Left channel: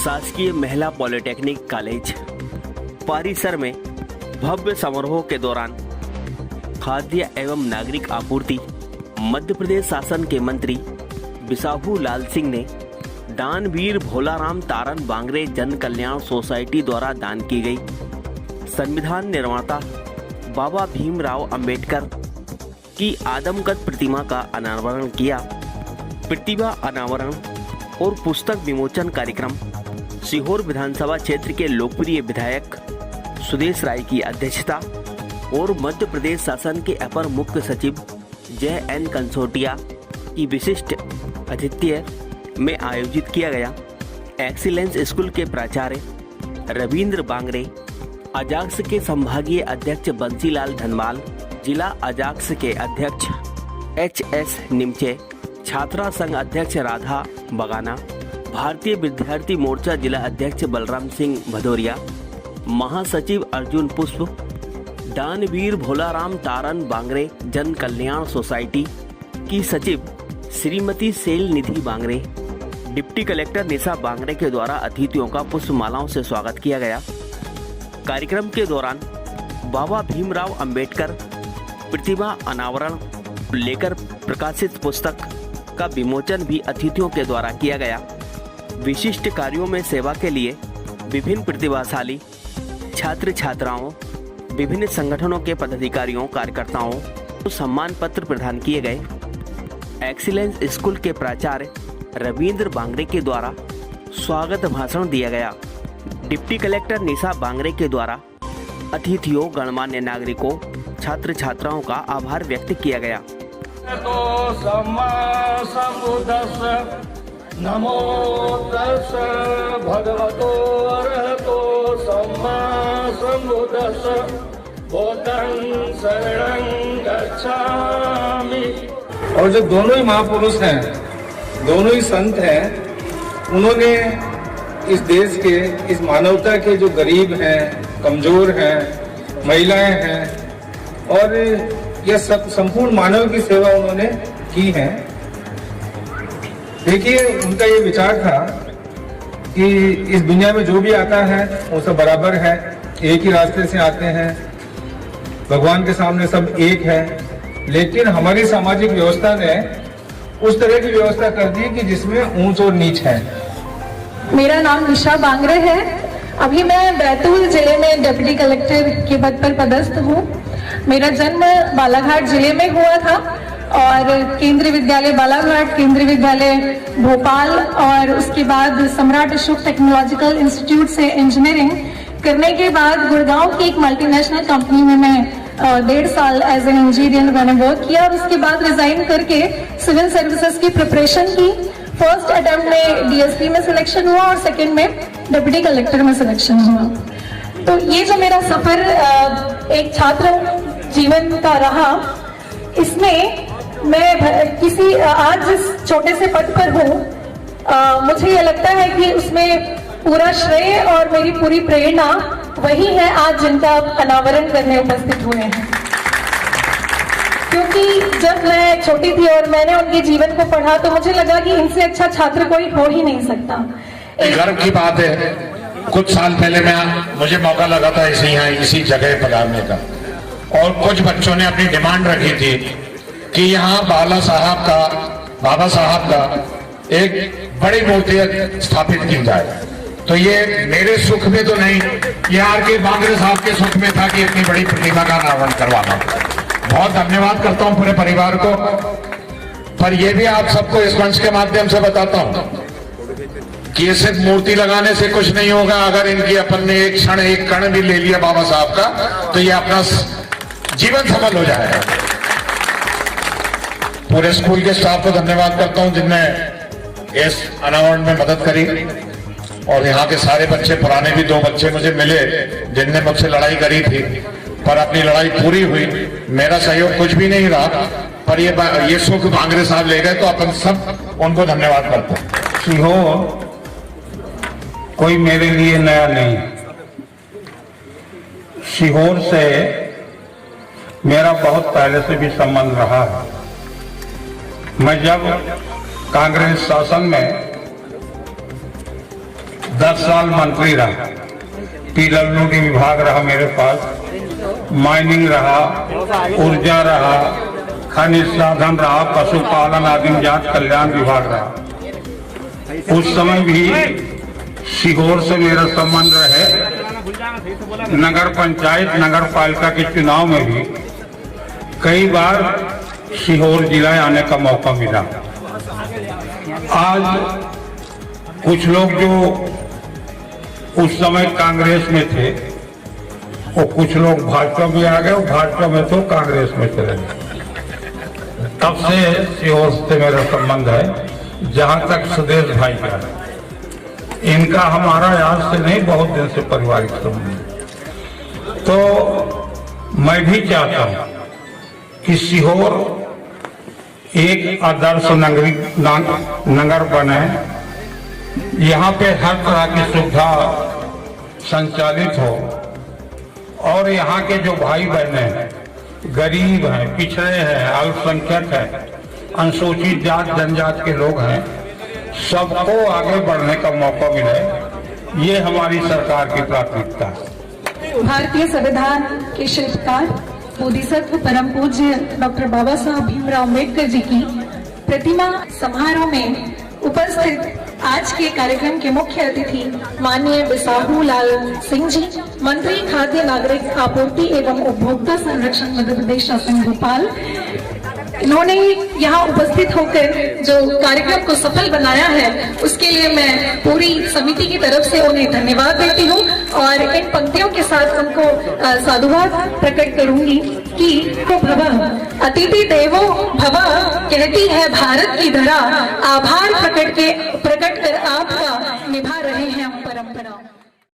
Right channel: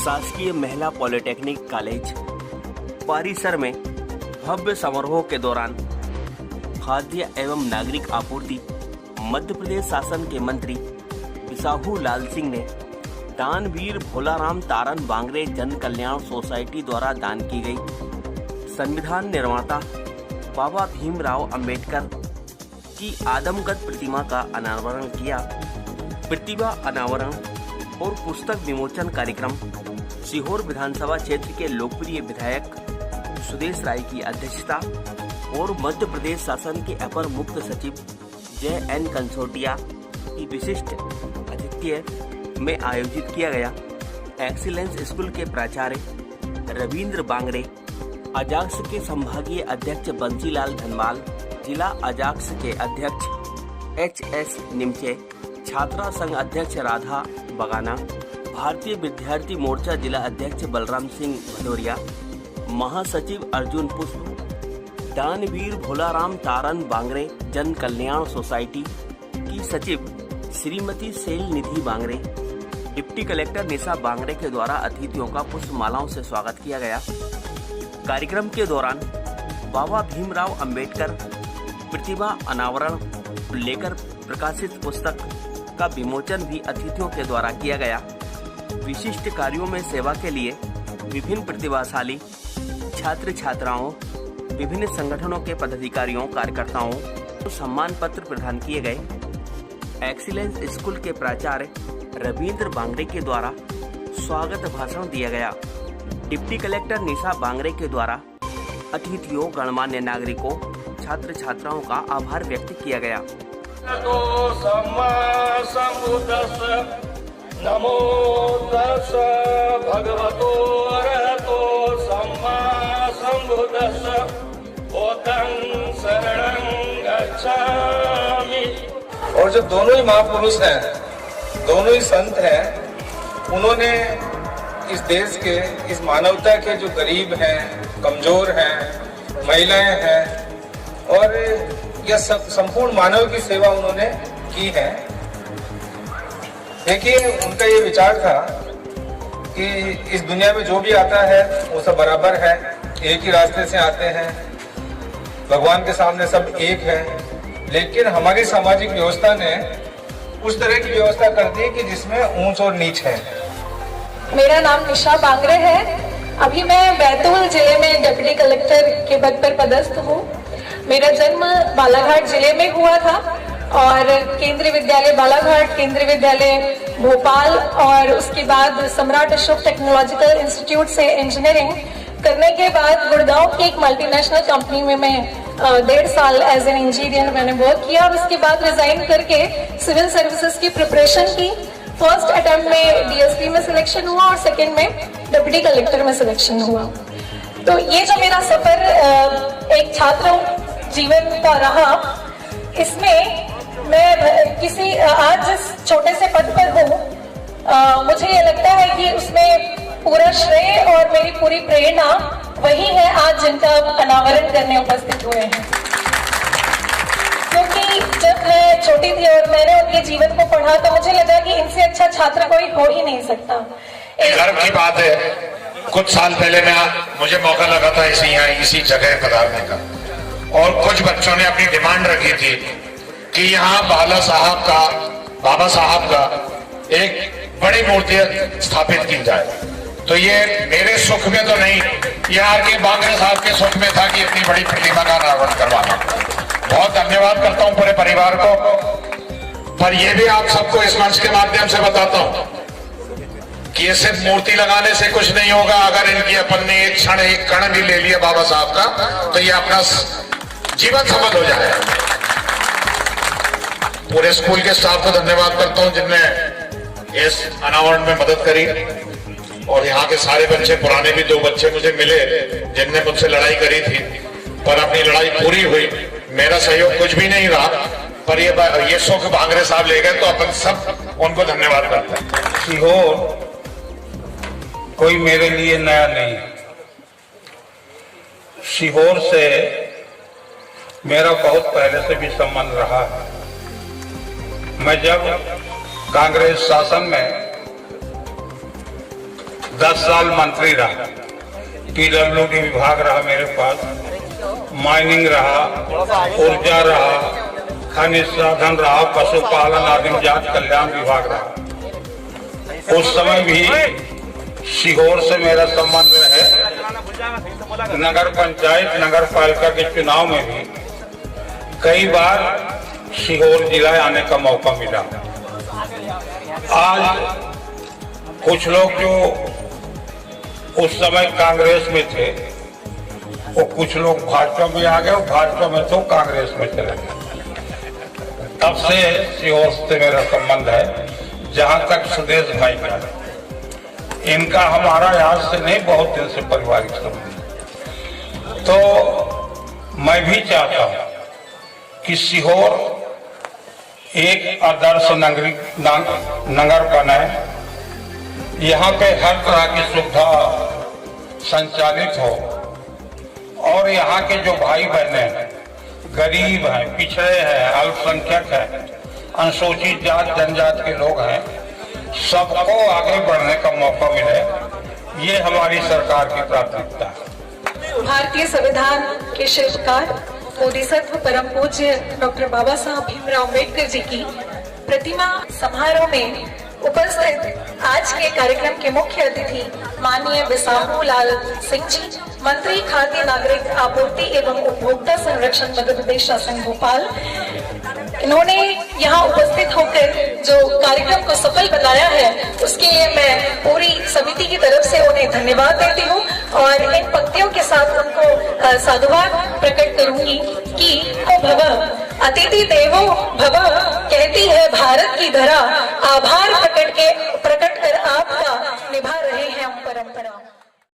शासकीय महिला polytechnic college परिसर में भव्य समारोह के दौरान खाद्य एवं नागरिक आपूर्ति मध्य प्रदेश शासन के मंत्री बिसाहू लाल सिंह ने दानवीर भोलाराम तारन बांगरे जन कल्याण सोसाइटी द्वारा दान की गई संविधान निर्माता बाबा भीमराव अंबेडकर की आदमकद प्रतिमा का अनावरण किया। प्रतिभा अनावरण और पुस्तक विमोचन कार्यक्रम सीहोर विधानसभा क्षेत्र के लोकप्रिय विधायक सुदेश राय की अध्यक्षता और मध्य प्रदेश शासन के अपर मुख्य सचिव जय एन कंसोटिया की विशिष्ट आतिथ्य में आयोजित किया गया। एक्सीलेंस स्कूल के प्राचार्य रविंद्र बांगरे, अजाक्स के संभागीय अध्यक्ष बंसीलाल धनमाल, जिला अजाक्स के अध्यक्ष एच.एस. निमचे, छात्रा संघ अध्यक्ष राधा बगाना, भारतीय विद्यार्थी मोर्चा जिला अध्यक्ष बलराम सिंह भदौरिया, महासचिव अर्जुन पुष्प, दानवीर भोलाराम तारन बांगरे जन कल्याण सोसाइटी की सचिव श्रीमती सेल निधि बांगरे, डिप्टी कलेक्टर निशा बांगरे के द्वारा अतिथियों का पुष्पमालाओं से स्वागत किया गया। कार्यक्रम के दौरान बाबा भीमराव अंबेडकर प्रतिभा अनावरण लेकर प्रकाशित पुस्तक का विमोचन भी अतिथियों के द्वारा किया गया। विशिष्ट कार्यों में सेवा के लिए विभिन्न प्रतिभाशाली छात्र छात्राओं, विभिन्न संगठनों के पदाधिकारियों कार्यकर्ताओं को सम्मान पत्र प्रदान किए गए। एक्सीलेंस स्कूल के प्राचार्य रविंद्र बांगरे के द्वारा स्वागत भाषण दिया गया। डिप्टी कलेक्टर निशा बांगरे के द्वारा अतिथियों, गणमान्य नागरिकों, छात्र छात्राओं का आभार व्यक्त किया गया। नमो तस् भगवतो अरहतो सम्मा सम्बुद्धस्स बुद्धं शरणं गच्छामि। और जो दोनों ही महापुरुष हैं, दोनों ही संत हैं, उन्होंने इस देश के, इस मानवता के जो गरीब हैं, कमजोर हैं, महिलाएं हैं और यह सब संपूर्ण मानव की सेवा उन्होंने की है। देखिए, उनका ये विचार था कि इस दुनिया में जो भी आता है वो सब बराबर है, एक ही रास्ते से आते हैं, भगवान के सामने सब एक है। लेकिन हमारी सामाजिक व्यवस्था ने उस तरह की व्यवस्था कर दी कि जिसमें ऊंच और नीच है। मेरा नाम निशा बांगरे है। अभी मैं बैतूल जिले में डिप्टी कलेक्टर के पद पर पदस्थ हूँ। मेरा जन्म बालाघाट जिले में हुआ था और केंद्रीय विद्यालय बालाघाट, केंद्रीय विद्यालय भोपाल और उसके बाद सम्राट अशोक टेक्नोलॉजिकल इंस्टीट्यूट से इंजीनियरिंग करने के बाद गुड़गांव की एक मल्टीनेशनल कंपनी में मैं 1.5 साल एज एन इंजीनियर मैंने वर्क किया। और उसके बाद रिजाइन करके सिविल सर्विसेज की प्रिपरेशन की। फर्स्ट अटेम्प्ट में डीएसपी में सिलेक्शन हुआ और सेकंड में डिप्टी कलेक्टर में सिलेक्शन हुआ। तो ये जो मेरा सफर एक छात्र जीवन का रहा, इसमें मैं किसी आज जिस छोटे से पद पर हूँ, मुझे ये लगता है कि उसमें पूरा श्रेय और मेरी पूरी प्रेरणा वही है आज जिनका अनावरण करने उपस्थित हुए हैं। क्योंकि जब मैं छोटी थी और मैंने उनके जीवन को पढ़ा तो मुझे लगा कि इनसे अच्छा छात्र कोई हो ही नहीं सकता। गर्व की बात है, कुछ साल पहले मुझे मौका लगा था इसी जगह पधारने का और कुछ बच्चों ने अपनी डिमांड रखी थी कि यहाँ बाबा साहब का एक बड़ी मूर्ति स्थापित की जाए। तो ये मेरे सुख में तो नहीं, ये आर के बांगरे साहब के सुख में था कि इतनी बड़ी प्रतिमा का अनावरण करवाना। बहुत धन्यवाद करता हूँ पूरे परिवार को। पर ये भी आप सबको इस मंच के माध्यम से बताता हूँ कि ये सिर्फ मूर्ति लगाने से कुछ नहीं होगा। अगर इनकी अपन ने एक क्षण, एक कण भी ले लिया बाबा साहब का, तो ये अपना जीवन सफल हो जाएगा। पूरे स्कूल के स्टाफ को धन्यवाद करता हूं जिनने इस अनावरण में मदद करी। और यहाँ के सारे बच्चे, पुराने भी 2 बच्चे मुझे मिले जिनने मुझसे लड़ाई करी थी, पर अपनी लड़ाई पूरी हुई। मेरा सहयोग कुछ भी नहीं रहा, पर ये सुख बांगरे साहब ले गए, तो अपन सब उनको धन्यवाद करते हैं। सीहोर कोई मेरे लिए नया नहीं। सीहोर से मेरा बहुत पहले से भी संबंध रहा है। मैं जब कांग्रेस शासन में 10 साल मंत्री रहा, पीडब्ल्यूडी विभाग रहा मेरे पास, माइनिंग रहा, ऊर्जा रहा, खनिज साधन रहा, पशुपालन आदिम जात कल्याण विभाग रहा। उस समय भी सीहोर से मेरा संबंध रहे। नगर पंचायत नगर पालिका के चुनाव में भी कई बार सीहोर जिला आने का मौका मिला। आज कुछ लोग जो उस समय कांग्रेस में थे वो कुछ लोग भाजपा में आ गए, भाजपा में तो कांग्रेस में चले गए। तब से सीहोर से मेरा संबंध है। जहां तक सुदेश भाई का, इनका हमारा आज से नहीं बहुत दिन से पारिवारिक संबंध। तो मैं भी चाहता हूं कि सीहोर एक आदर्श नगर बने। यहाँ पे हर तरह की सुविधा संचालित हो और यहाँ के जो भाई बहने हैं, गरीब हैं, पिछड़े हैं, अल्पसंख्यक हैं, अनुसूचित जात जनजात के लोग हैं, सबको आगे बढ़ने का मौका मिले, ये हमारी सरकार की प्राथमिकता है। भारतीय संविधान के शिल्पकार बोधिसत्व परम पूज्य डॉक्टर बाबा साहब भीमराव अम्बेडकर जी की प्रतिमा समारोह में उपस्थित आज के कार्यक्रम के मुख्य अतिथि माननीय बिसाहू लाल सिंह जी, मंत्री खाद्य नागरिक आपूर्ति एवं उपभोक्ता संरक्षण मध्य प्रदेश शासन भोपाल, इन्होंने यहाँ उपस्थित होकर जो कार्यक्रम को सफल बनाया है उसके लिए मैं पूरी समिति की तरफ से उन्हें धन्यवाद देती हूँ और इन पंक्तियों के साथ उनको साधुवाद प्रकट करूंगी कि भव अतिथि देवो भव कहती है भारत की धरा, आभार प्रकट कर आपका निभा रहे हैं हम परंपरा।